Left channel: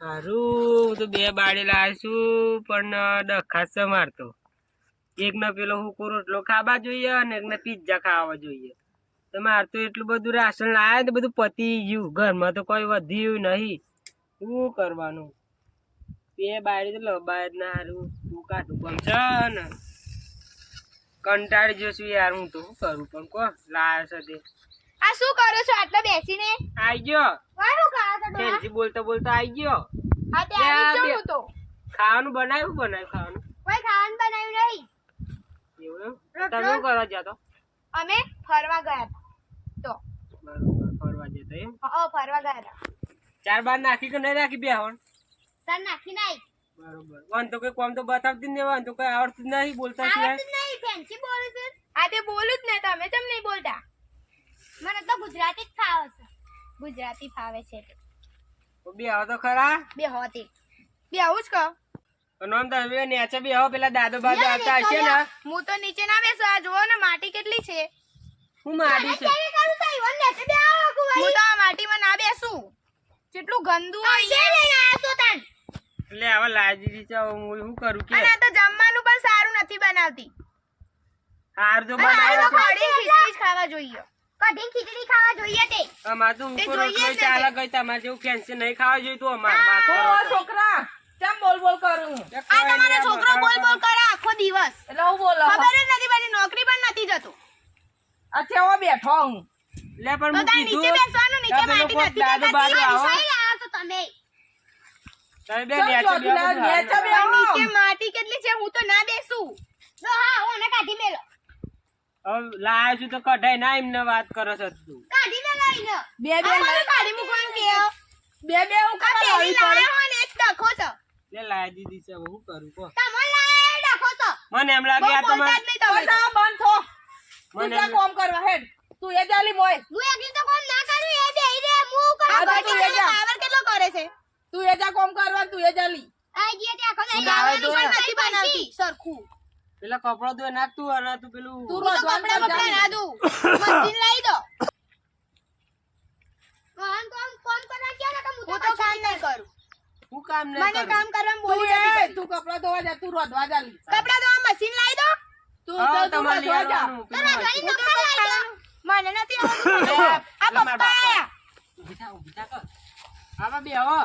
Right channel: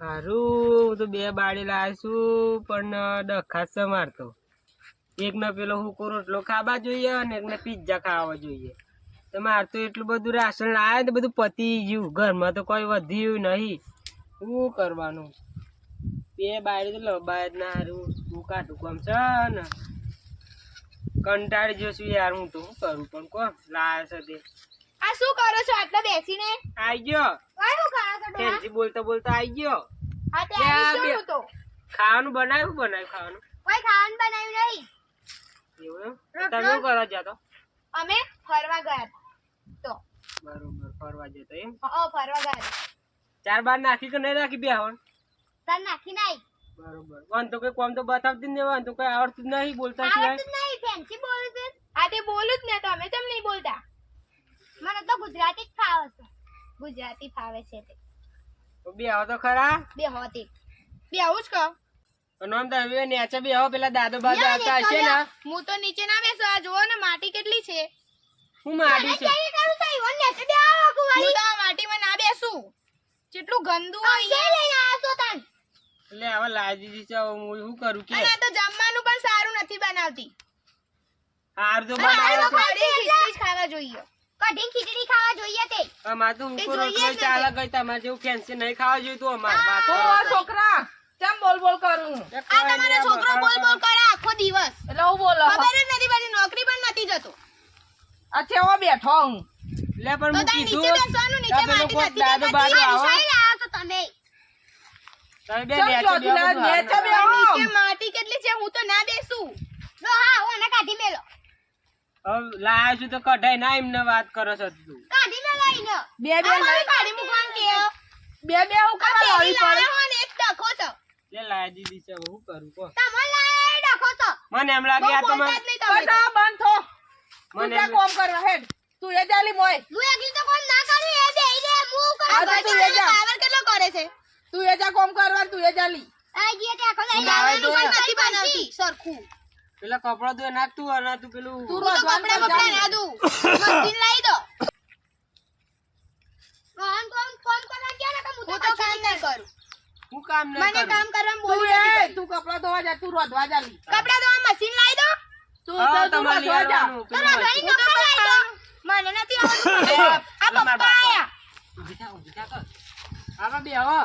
હારું તો બે બાળી લાવીશું પણ ડખાસ છે મારતો. એકને પેલો હુકો રોટલો ખાવા જોઈએ અને એકને પિઝા ખાવા જોઈએ. તો મારે તો એટલું બધું રાશન લાવે તો બધું પતી ગયું. ઘરમાં તો કોઈ વધ્યું નહીં. શું કરવાનું? બે બાળી તો લબાય જ ના હારું. હું કાઢું કોમ છે ને કંટાળી જશું યાર. હું તો શું કરું પણ કોણ લાવે છે તે. આ શું કરો છો આટલો બેસીને? આઈ ગયો. વારું કરો છો ડોહા? ફેન્સી બોલતા બોલતા આઈ ગયો. હા તે આવી શું હું તો? ખાવાનું બનાવ્યું ખાવાનું? કોઈ ખાવાનું બનાવ્યું નહીં. એવું એમ? તમે શું કરવા ગયા તો? અમે ફરવા ગયા હતા. તો બરોબર ફરવા જતો એમ? ફરવા ગયા હતા. ચાર બાર નાખી કે નહીં નાખી બે હવણ? સર નાખી નાઈ. બરોબર. વન તો કઈ કોમ તો બતાવતી જ નહીં. વન તો કઈ આવડતું જ નહીં બોલતા સિવાય. આવડતું જ નહીં. ફેન્સી બોલે છે. આ તે બોલું જ ને તમે કેમ નહીં બોલતા? મને તો ગુજરાતી જ ફાવે છે. ગુજરાતી ફાવે છે તે. તો બે આવો તો ખરા. બે હોતી. બે આવું જ કહો. નામ તમે નેચે બે આવો પેલા દાદો બાદો આવતા હશે ને. હું તો નીચે ના બેસું. આ જોવો ને માટી કેટલી છે. હું માડી છું. હું તો આ માટીમાં ના બેસું. કેટલું ગંદુ અહીંયા. એટલે આવા લાજી છે હું શું કરું કે. અને આ તો જમવાનું પણ સારું નથી બનાવતી. હાર તો બનાવે છે. ખીચડી ખાવા જોઈએ. કઢી ખીચડી ખાવા જોઈએ તે. અમાર તો ઉપર રોટલો ચાલે ગઈ. તમારે જેવું ફેન્સી નહીં ખાવા જોઈએ તો અમાર વાત કરો. છોકરા કેમ બોલ બોલ કરું? આ તમારો છોકરો બોલ બોલ કરે આખો દિવસ. એટલે હું બોલો ખબર જ નથી પડતી. નોકરી પણ નથી જતો. આ કેવો બેઠો હું લે પણ તો હું તાર નીચે કીધું બેસવાનું. નીચે માટી નથી દાદો બાદો દેખાતી. આવો. વિસાઈ રહ્યા છો તમે. તમે બે ચમ નેચે બે ચોટીલા નેચે બે આવો. નીચે માટી કેટલી છે હું તો ના બેસું. જો હા હું એને કાઢી મેલો. હવે લાયા છું તો કઢાઈ ના એમને વાત કરો છો તું. કાઢી મેલો એને. બે બે આ મને કાઢી મૂકવાનું કહો. બે બે હું કરવા લાવી પેલી પડી? લાયા હોય ને એ જ ડખો છો. લે લાયા દીધી છે હવે હું કરું કો. તમે લાયા એ ડખો છો. મને એમ લાગે આ બહુ તમારે બોલતા જ નહીં તમે. બસ આ બંધ થો. તું મને ક્યાં એમ- કોમ કરવા હેડ? તું એ જાલી મોય. હું એકલી તો કોમ ના કરું. એ બેહી રે હું કરું. આ તો તું એ જા. પાવર કેટલો કરે છે. તું એ જા કોમ કરવા તું એ જાલી. આ ગયા તે આખો તું નહીં નાવે આવવાનું તો પણ એ. નથી બનાવતી સરખું. પેલા કપડા ધોઈ નાખતું અને તું પેલું તું હું તો કપડાં બપડા ના દઉં. મશીન લાવી દો. ફોન કરવા ગયા ને તો હું તો કામ નહીં કરું. હું કામ નહીં મને કરું. કામ કરવાનું તું બોલી નથી એ પડતી. તું કપડા ધોવા જા તું રોધવા જાલી. કપડાં ધોવા મશીન લાવી દો. તું હા, તો તું તમારે લઈ રોધવા જા. આવવાનું પેલું તારા મશીન. ભાઈ કપડાં લાવી દો. મને નથી આવડતું. લે, આ લે મારા પપ્પા બાપા. આયા. ઊભી થા કર. આવા બે હો.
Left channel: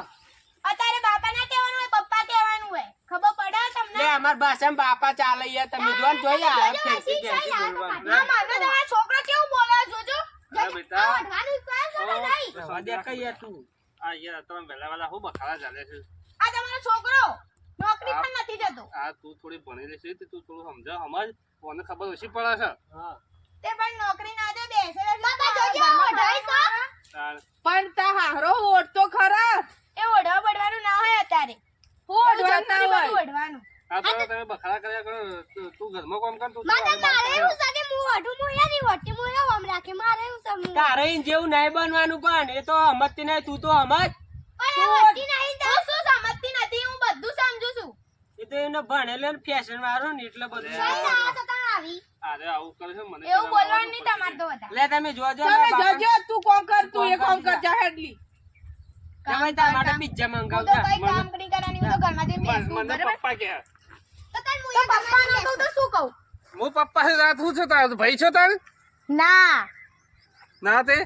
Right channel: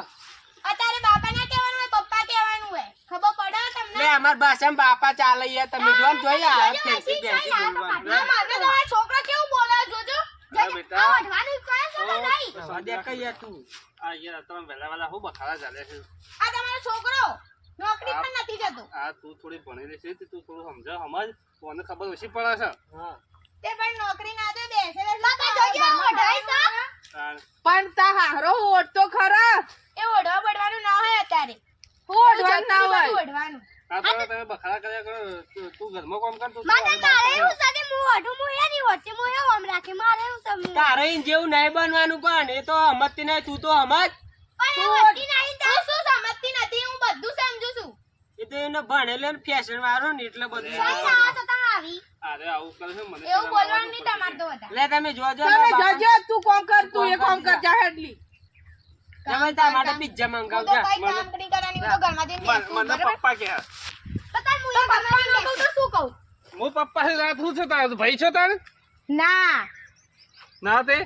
અત્યારે બાપા ના કહેવાનું હોય પપ્પા કહેવાનું હોય. ખબર પડે તમને? લે અમાર ભાષામાં બાપા ચાલે યાર તમે જોન જોઈએ આ જોજો, ફેન્સી મશીન ફેન્સી ચાલે, બોલવાનું. ના, મારે તો આ છોકરો કેવું બોલે જોજો. હા, બેટા. આ વઢવાનું કહે છે કે નહીં? ઓ, સ્વાદે કઈ યાર તું. આ યાર તમે વહેલા વહેલા હું બખાડા ચાલે છે. આ તમારો છોકરો નોકરી પણ નથી જતો. આ તું થોડી ભણેલી છે તે તું થોડું સમજ મને ખબર ઓછી પડે છે. હા. તે પણ નોકરી ના દે બેસે બાપા જોજો વઢાય છે. તાણ પણ તા હારો ઓટ તો ખરા. એ ઓઢવા બઢવાનું ના હોય અત્યારે. ઓઢવાનું ના બધું હોય. ઓઢવાનું. આ તો તમે બખાડા કર્યા કરો તું ઘરમાં કામ કર તું મારે હવે બહાર તારે ફર્યો. એવું છે કે હું ઓઢું હું એ નહીં ઓઢતી હું એવું આમ રાખે મારે એવું સમજવું. તારે ઈન જેવું નહીં બનવાનું પણ એ તો હમજતી નહીં તું તો હમજ. પણ એ ઓઢતી નહીં તો હું શું સમજતી નથી હું બધું સમજુ છું. એ તો એને ભણેલો ને ફેશન વાળો ને એટલે બધું કઈ ના તો તમે આવી. અરે આવું કરે છે મને એવું શરમ બોલવાનું આવવા નહીં પડતી તમારે તો બધા. લે તમે જોજો તમે બાપા. જજો તું કોમ કર તું એ કોમ કર કામ જા હેડલી. તમે તાર માટે પિઝા હું તો મંગાવજા. કઈ કામ નહીં કરવાની હું તો ઘરમાં જઈને મને બેસું, મને બરાબર? પપ્પા કે તો તાર મુએ પપ્પા નો કહું તો શું કહું? હું પપ્પા છે રાત હું છે તાર ભાઈ છે તાર ના ના તે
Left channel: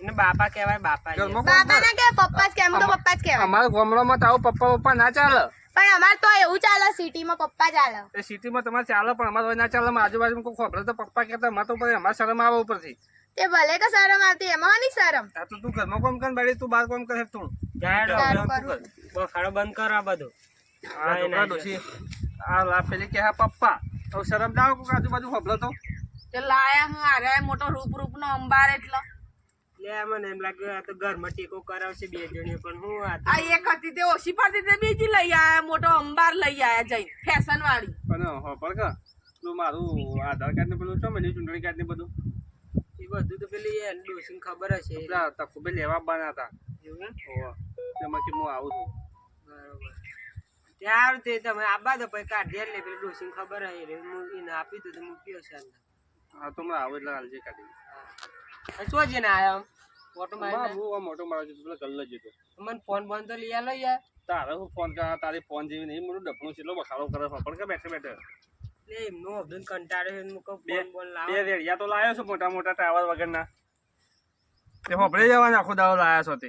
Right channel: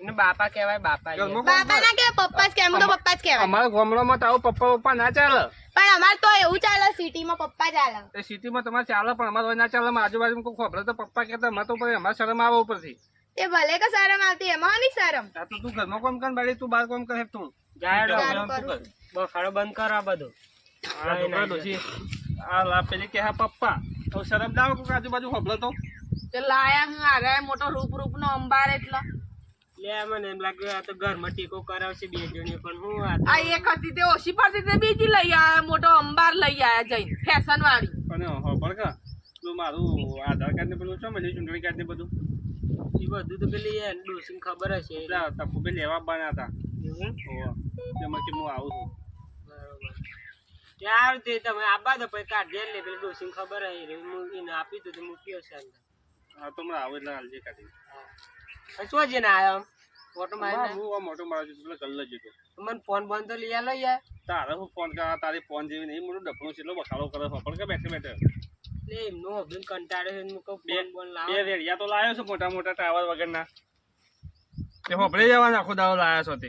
એને બાપા કહેવાય બાપા. ઘરમાં કામ બાપા કર. ના કે પપ્પા જ કે એમ તો પપ્પા જ કહેવાય. અમારા ગામડામાં તો આવું પપ્પા ના ચાલે. પણ અમાર તો એવું ચાલે સિટીમાં પપ્પા ચાલે. એ સિટીમાં તમારે ચાલે પણ અમારે ના ચાલે અમારે આજુબાજુ કોઈ ખબર તો પપ્પા કહેતા અમારે તો પછી અમારે શરમ આવે ઉપરથી. તે ભલે કે શરમ આવતી એમાં નહીં શરમ. આ તો તું ઘરમાં કામ કર બાળી તું બહાર કામ કરે તું. જાહેર સારું તું કર. બખાડો બંધ કર આ બધું. આ છોકરા ડોશી આ લા પેલી કે હા પપ્પા તો શરમ દાવ કોક આજુબાજુ ખબર તો તે લાયા હું આરે મોટો રૂપ નો અંબાર એટલે. લે મને એમ લાગ્યું આ તો ઘરમાં ટેકો કરાવશે બે જણીઓ પણ હું આ તો આ એક હતી તે ઓછી પડતી તે બીજી લઈ આયા મોટો અંબાર લઈ આયા જઈને ફેશન વાળી. પણ ખબર કે તું મારું આધાર કાર્ડ ને પેલું છો મળ્યું ચૂંટણી કાર્ડ ને બધું એ બધું તો પેલી યાર ડોસીને ખબર હશે. પેલા તકુ લેવા બના હતા એવું એમ? ઓવા તેમાં કે હું આવું છું. બરોબર. ત્યાર તે તમે આબા તો પછી કાઢી લે પેલી ડોસીને ખબર હશે રે હું એને આપી તો મૂક્યો છે અંદર. હા તો મને આવું એટલે હાલજે કાઢી હા શું જઈને આવ્યો? ઓટો મારી હું આ મોટો મારો છું પેલો ગલ્લો જતો મને ફોન બંધ તો લઈ આલો યાર. તારે હું ફોન કરા તારી ફોન જેવી નહીં મોટું ડફણું છે એટલો બખાડો કરે છે પણ કે બેઠે બેઠે લે એમનો અભિન કંટાળે છે હું કહું બે ફોન બોલ લાવો. બે રેડિયા તો લાવ્યો છું મોટા મોટા ટાવર વગરના એ હોપડે જવાના આખો દાડો લાયા છો તે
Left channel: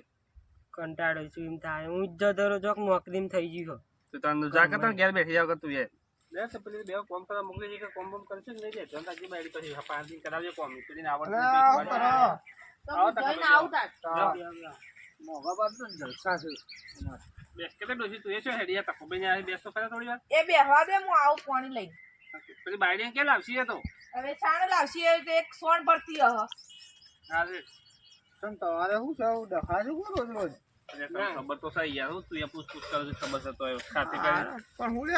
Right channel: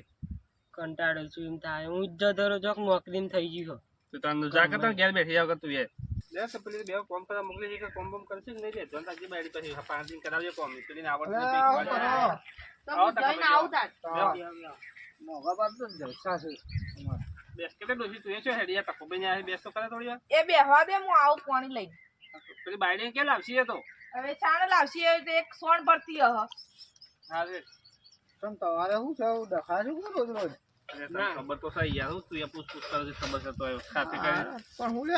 કંટાળે છું એમ થાય હું ઇજ્જત ધરો ચોક નોકરીમાં થઈ ગયું તો તને જા કરતા ઘેર બેઠી જાવ તું એ લે તો પેલી બે કોમ કરવા મોકલી છે કે કોમ બોમ કરશે ને નહીં લે જોન તાજી બાયડી પછી 5 દિન કરાવજો કોમ પેલી આવડતું તો હું જઈને આવું તાર. બેસ કે ડોસી તું એ છો હેડિયા તકો બેને આ બેસ તો કરે થોડી વાર એ બેહવા દે હું આવું પાણી લઈને. પેલી બાયડી કે લાવશી એ તો હવે છાણે લાવશી એ તો એક સોણ ભરતી હહ. હા રે તમારે શું છે ડખા શું કરો રોજ રોજ અરે તને ખબર તો સહી યાર હું તું એ પૂછ કરે છે ખબર છે તો એ ખાતે કરી પણ હું લે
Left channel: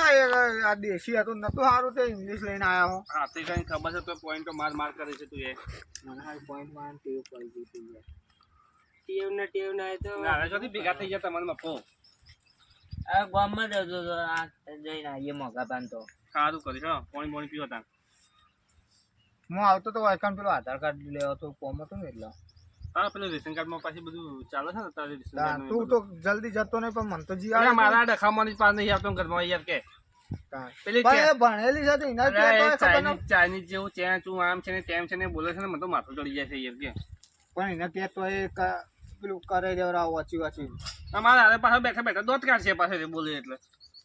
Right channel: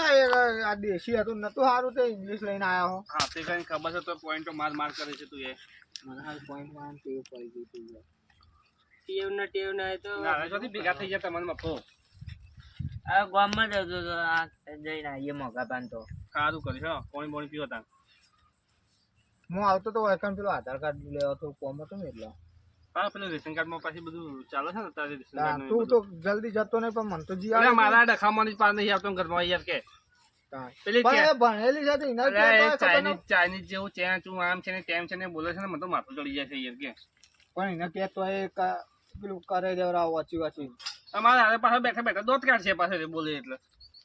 આ દેશી હતું નતું સારું તે ઇંગ્લિશ લઈને આયા હો ખાતે કરીને ખબર છે તો પોઈન્ટો માર માર કરે છે તું એ મને હાલ પોઈન્ટ માં ટેવ પડી ગઈ હતી યાર. ટેવ ના હોય તો ના જોથી ભેગા થઈ ગયા તમને મફો આ ગામમાં જતો તો આ જઈને આવીએ મોગા પાન તો સારું કરી છો પાણી પાણી પીવો તા હું આવતો તો વાયકાન પેલો આધાર કાર્ડ લેવા તો કોમ હતો ને એટલે હા પેલું રેશન કાર્ડ માં પાછી બધું ચાલે છે ને તારે રેશન કાર્ડ તું તો જલ્દી જતો નહીં પણ મને તો જી અરે મારા ડખામાં પાર નહીં આવતો ઘરમાં યાર કે પેલી પણ એ ભણેલી છે તો એના અરે જેવું એ તો ખબર ન- ચાઇનીઝ જેવું ચેન ચું આમ છે ને તેમ છે ને બોલે છે ને મને તો માથું ચડી જાય છે યાર કે પણ એને કે તો એ પેલું કરે દેવરા વાંચી વાંચી અમારા હારે પાછળ બેઠા બેઠા દોત કાઢશે પાછળ બોલે એટલે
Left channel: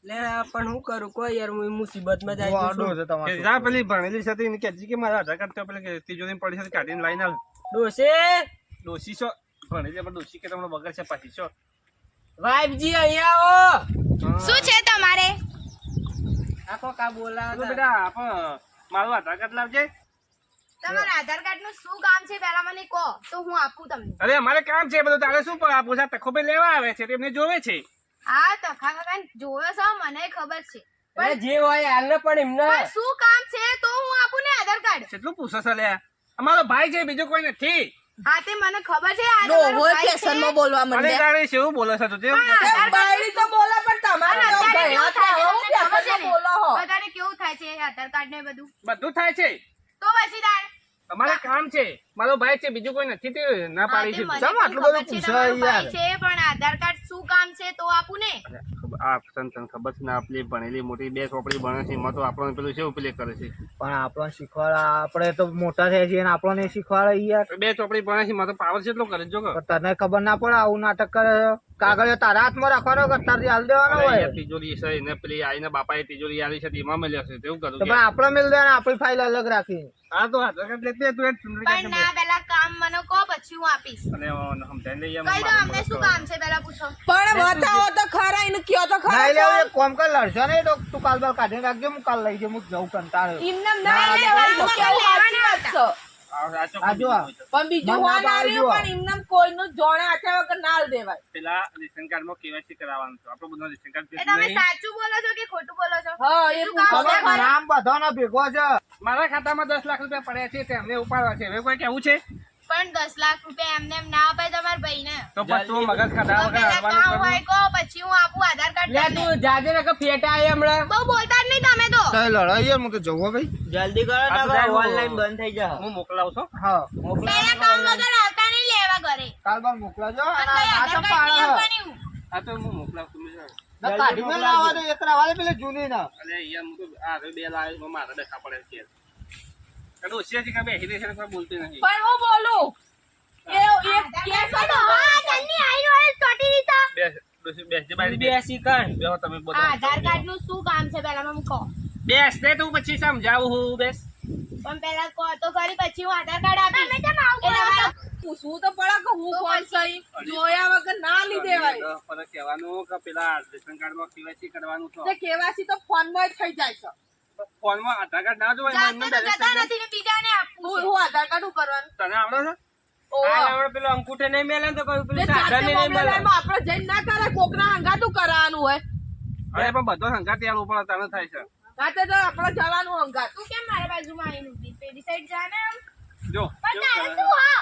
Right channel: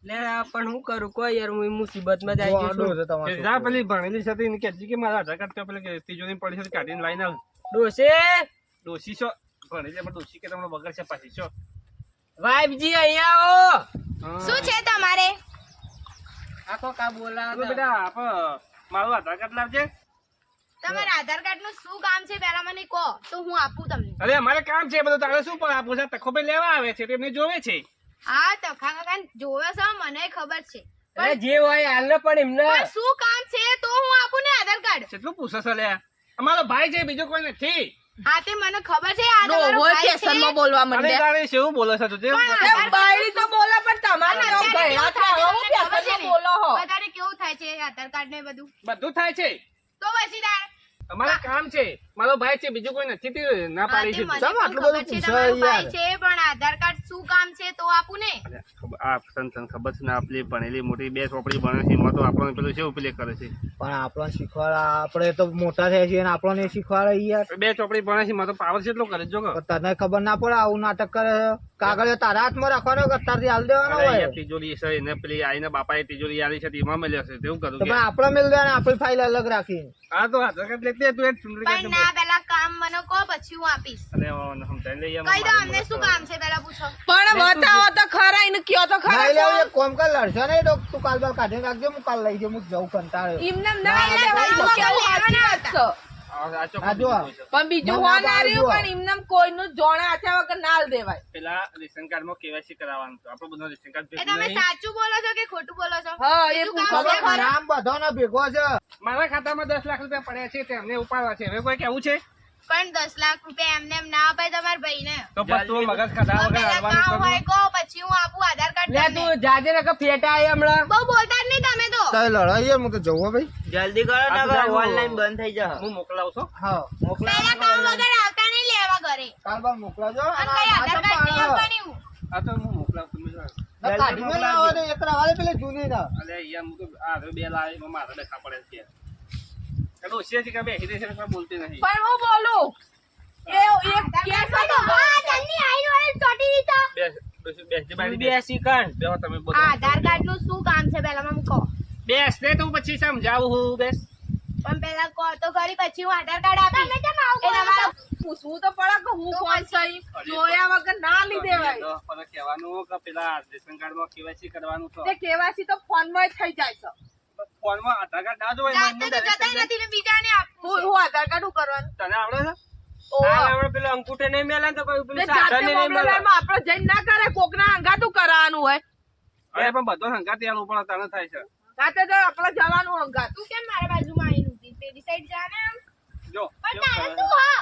લે પણ હું કરું કોઈ યાર હું મુસીબતમાં જાય આડો છું છે તમારે જા પેલી ભણેલી છે તો એને કહેજી કે મારા આધાર કાર્ડ તો પેલી તિજોરી પડી છે કાઢીને લાઈને આવ ડોસે ડોસી છો ભણેલી પણ ડોસી કે તમને બગડ છે પાછી છો વાઈફજી અહીંયા આવો શું છે તમારે? આખો કા બોલાવો તો બેટા આપ મારું આધાર કાર્ડ લાવજે તમારા આધાર કાર્ડ નું શું કામ છે પહેલા મને કહો તો હું આપું તમને. અરે અમારે કામ છે બધું તારે શું પણ આપું છે તખો ભાઈ લેવા આવે છે તેમને જોવે છે હા તખા કાકા જોવે છે મને ખબર છે અરે જે હોય હાલ પણ એમને પણ શું કામ છે તો હું આપું ને આધાર કાર્ડ. કેટલું પૂછો છે લે અમારો ભાઈ છે બીજું કોઈ નથી હા તે મને ખબર છે આ તમારો ડોહો ભાઈ છે. પેશનમાં બોલવા અરે માંડે. તારે શેવું બોલે છે તું જે પણ એ આધાર બાયડી તો બોલે પણ તમારે પણ તો અત્યારે ગયડા કેવું છે, થાય છે હવે હું તમને ખબર છે પેશનમાં ને? બોલો હો. અત્યારે કેવું થાય છે આધાર કાર્ડ ને બધું બધું થાય છે તો પછી તાર અમારે કામ છે મારો ભાઈ છે બીજું કોઈ નથી તે ના હા, પાડી તે છે મને ચાલો, પણ આટલું ખબર છે બધું તમારો પૂછાય ભાઈ છે પણ આધાર કાર્ડ શું કામ છે તો આપું ને. આ તને ખબર છે ને આપલી ભણેલી મોટી બે ચોપડી ભણે છે એમાં તો આપણને પેલું કેવું પેલે કરે છે પણ આપણને શીખવાડે આપણે તો મોટા થાય છે અને આપણને શીખવાડે યાર બે ચોપડી ભણે છે એમાં તો પાવર કેટલો કરે જો પણ તને ખબર ના પડે આવું નાટક કરે કાગળ તારા હાથમાં રાખવાનો કે તારથી હાલ દેવાનો અરે હોય યાર તિજોરી છે એને પેલી આઈને બાપાએ તિજોરી આલી છે એમાં મળ્યો છે તેવું કરું તો પણ આપણે મિલ દે ને આપણી ફાઇલ અલગ રાખી હા તો આધાર કાર્ડ લેતી તું એક ચૂંટણી પણ ના પેલા કામ મને કહો પછી હું આપીશ. અરે સમજાઈ લઈએ કહી દો અમને શું કામ છે પેલા પૂછો. પણ બતાવો તો ખરા એને કયો તો ખરા નહીં લેવું, કોણ? એક કોમ કર લડશો નહીં તો તું કાલ બાલ કાઢીને રાખજો હું કાલ લઈ જઉં હું જઉં કંટાળ્યો એમને ના ના, લેવાય તો ના, કેવું ના, સાચી વાત છે. આ ચોપડી આ જો આ. બીજું છે. પણ બીજું મને હો ના ના રહ્યું પાડજો. પણ એમને કોઈનું જોણે આચા વગર ના આલ દેવાય. પેલા રેશન કાર્ડમાં કેવાયસી કરાવવાનું છે આપણું બધું રેશન કાર્ડ એ ભેગું તમે નહીં. સાચું બોલો છો કે ખોટું બોલો છો? હા એ બીજું કામ પૂછો છે તો ખરા. નામ બધાનો ભેગો છે મારા ખાતામાં 10 લાખ રૂપિયા પડ્યા છે તેમને ઉપાડવા છે હવે કોઈ કેવું છે પણ 10 લાખ રૂપિયા એમને એમ ના અપાય તમારા ભાઈને. તો પછી તું મગજ ખાધા વગર પેલા હાલવાનું કામ કરું. હોય કહો પછી હું આપું આધાર કાર્ડ લે તમને. તું જાજે ને કે ફેટા આયા હમણાં બહુ બોલતા જ નહીં તમે તો. તો લડાઈ યાર હું તો જવું હો ભાઈ જલ્દી કરો આ તો જાય ઓનલાઈન બંધ થઈ જા હું મોકલાવું છું હા પેલા કામ વગર આવતા નહીં લેવા ઘરે. કાલ બાલ મોકલાજો અને અને કઈ આ તો આધાર કાર્ડ નહીં પાડે આપવાની હું. આ તો હું મોકલાવું તમે જાઓ. ના કાઢી મેં લાવો તો એક રાવાલે પેલે જૂની ના અરે યાર હું તો આ હવે બે લાવી એમાં મારા ડખા પડે છે કડો છે કે બેહી રહી છે કોઈ બોલતી નહીં પણ હું બોલું એ એક આધાર કેસ કાર્ડ હતો. હા, જલ્દી આઈ વાળી ચોટી દીધા. બેસ જે બાઈ બે સિકન બેહો તમે આ બધા આધાર કાર્ડ નું શું કામ છે પેલા મને કહો. બેસ ને તું પછી સમજાવું હું બેસ પણ પેલા કહો તો ખરી પછી હું આધાર કાર્ડ આપીશ. એ તમારો પૂછવું તો પડે કે હું તો કોણ પછી. સહી જોયા વગર ના લી દેવાય. પણ કહેવાનું કે પેલા રેશન કાર્ડમાં કેવાયસી કરવાનું તો તે કેવાસી તો ફોનમાં જ થઈ જાય છે. ફોનમાં આધાર કાર્ડ ના જોવાય જાતે એમને તો direct જતા નથી ને બીજાને આપવું હું છે. હું આધાર કાર્ડ શું કરવાનું? તને આવડે છે ઓહો. હમણાં પેલો અંકુઠે નહીં મેલે ને તો કોઈ તે પેલું જાતે સાધન નહીં મેલે મોબાઈલમાં આપણે જઈને ના કરે કોકના હંગાતું કરવાનું હોય. અરે પણ બધો સંગાત યાર ઉપર તને થાય છે રાતે તો આપણે જવાનું હંગાત. તું કેમ મારા બાજુમાં આવીને ઊભી? પેલી સાઈડ જા ને આમ. જો પણ કેવું તારે કરે શું છે. હા?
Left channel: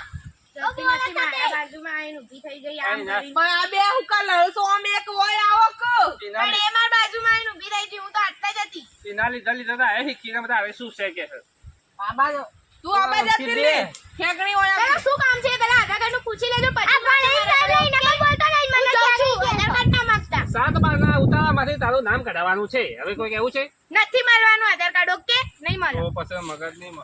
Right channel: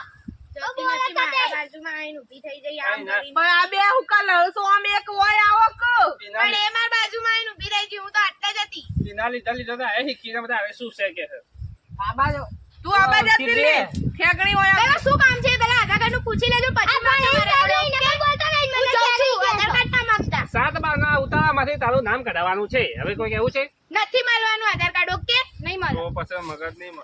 જતી નથી મારા બાજુમાં આવીને ઊભી થઈ જઈ આમ કઈ ના. કરીને. પણ આ બે હું કા લડશો આમ એક હોય આવો કે એના પણ એ મારા બાજુમાં આવીને ઊભી રહી ગઈ. હું તો આટલે જ હતી. લીધા લીધા લીધા તો આવે શીખીને બધા આવે શું છે કે છે બાબા તો તું આ બાજુ આવતી જતી રે. રહી. ઠેકણી હોય આ. પેલા શું કામ છે પેલા આધાર કાર્ડ નું પૂછી લેજો પછી બોલતા નહીં મને આધાર કાર્ડ ના માંગતા 7 બારના ઉતારામાંથી તારું નામ કઢાવવાનું છે. હવે કોઈ કહેવું છે નથી મારવાનું આધાર કાર્ડ ઓકે નહીં મારો તો પછી મગજ નહીં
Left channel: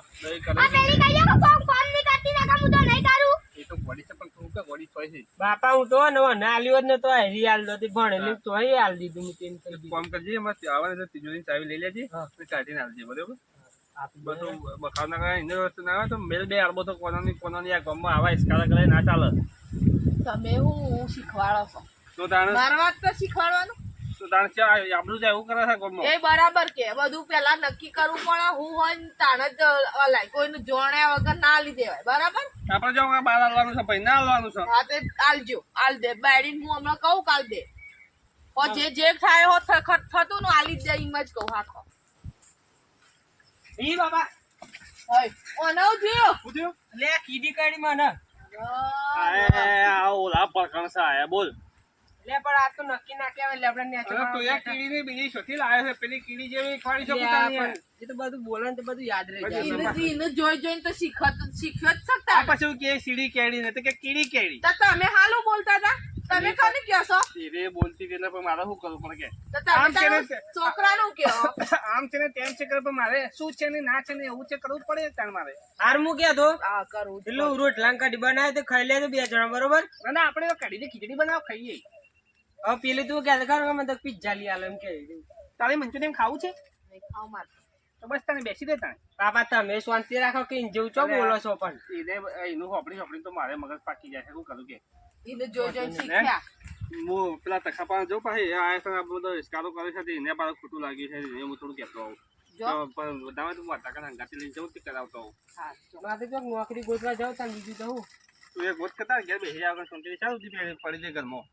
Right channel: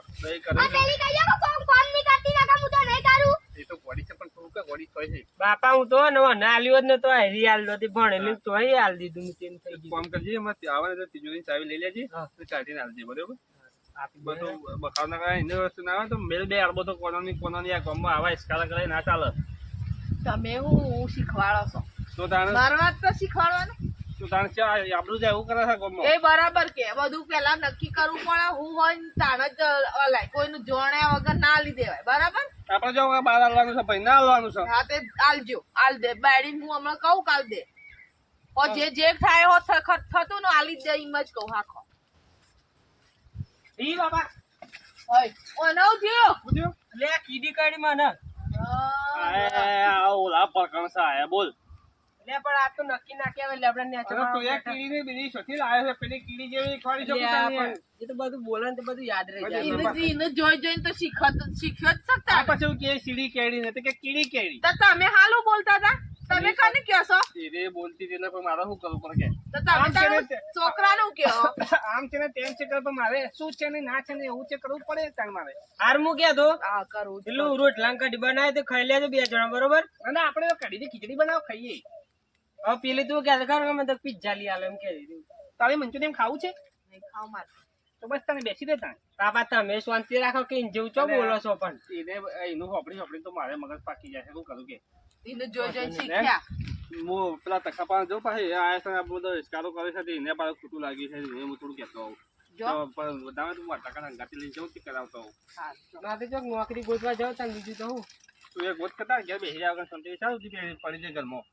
કરે આ પેલી કહીએ કે કોમ નહીં કરતી ના હું તો નહીં કરું એ તો ગોળી છે પણ તું કે ગોળી હોય છે. બાપા હું તો ને આલ્યો જ નતો હેરી આલ દોતી ભણેલી તો અહીં આલ દીધું મેં તેને કહી દીધું. કામ કરજે એમાં આવે તો તિજોરીની ચાવી લઈ લેજે હા. અને ચાટીને આવજે બરોબર. આપી દે. બધું બખાવના કરે એની વસ્તુ ના આવે તો મેલ બે અડબો તો કોનોની આ ગામમાં આવા ઇસ્કારા કરે ના ચાલે. તમે હું શીખવાડો છો તો તાણે મારવા જ તો શીખવાડવાનું આપણું જાય એવું કરે છે ગામમાં. એ બરાબર કે બધું પેલા નક્કી કરવું પડે હું હોય ને તાણ જ અલાય કોઈનું જોણ્યા વગર ના આલી દેવાય બરાબર આપણે જો બહાર હાલવાનું છે ભાઈ ના હાલવાનું છે. હા તે આલજો આલ દે બાયડીને હું હમણાં કહું કાલ દે ઓ જે થાય હો થતું ને આલી દે એમ જ કહું હાખો ઈ બાપા હોય ઓનો જીઓ શું થયું? લે કીડી કાઢી મને આ ઓલા પરકણ છે આયા બોલ. લે પણ આ તો નક્કી ના કહેવાય લે આપણે નેચો અરે તું એક કીડીની બીજી શોથી લાવ્યો છે પેલી કીડી જેવી ખવાડી શકું તને. એ તો બધું બોલે ને તો બધું યાદ રહી જાય. એને જોઈ જોઈને તો શીખ્યો જ આ શકતા પછી એવું કે સીડી કેડી ને તો કે કીડી કેડી. તો તમે હાલું બોલતા હતા તમે કને કહો છો ધીરે બોલતી એટલે પણ મારે શું કરવું પડે તો તમે આમ છે ને તારા છોકરાનું કહો કે આમ છે ને તેમ છે કે પણ મારે શું છે ને ના છે ને એવું છે કરવું પડે તાણ મારે. હાર હું કહેતો આ કરું છું. પેલું રોટલા કઢી બનાવે તો ખાઈ લેજો 2 જણા બરોબર. અને આપણે કઢીની ખીચડી બનાવ ખાઈએ. હવે પેલી તું કે ખબર મને તો પિઝા લઈ આલે એમ કહી દીધું. તારે મંચુરિયન ખાવું છે નહીં ખાવ માર તો બસ તને બેસી દે તાણ. બાપા તમે શાંતિ રાખો કે જેવું ચો બોલો છો પણ એનું હોપડી તો મારે મગજ પાકી જાય છે શું કરું કે એને જોઈ જોઈને શીખ્યા હું પેલા તખા પાસે જઉં પાછી આ છે આ બધો ઇસ્કારો કરે છે એને પાછું ખોટું લાગ્યું છે એને હું થોડું કહેતો આવું. જો પણ વધારે તું વાટાકા હંગાતી લઈને જવું તે કરાવતો આવું. હા જો. મારે તો નોકરી ગોતવા જાવ તાન બીજું તો હું તું એક ગોત કરતા ઘેર બેસી જાવ શાંતિ ચાલુ પડી જાય ઘરમાં.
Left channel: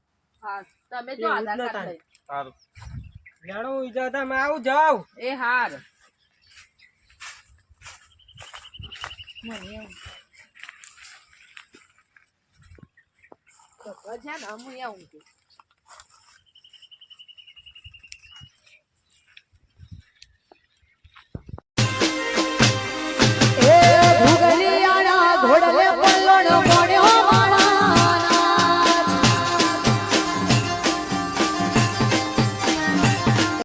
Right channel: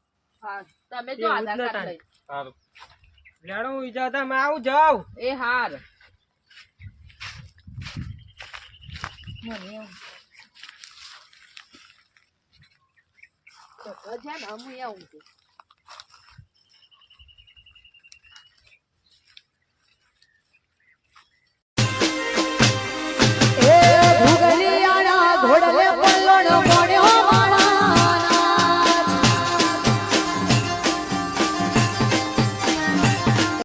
હા તમે જો એવું જ આધાર નતા. કાર્ડ લઈ સારું લેડો હું જાવ તમે આવું જાવ. એ હાર મને એવું તો જ્યાં ને હું આવું છું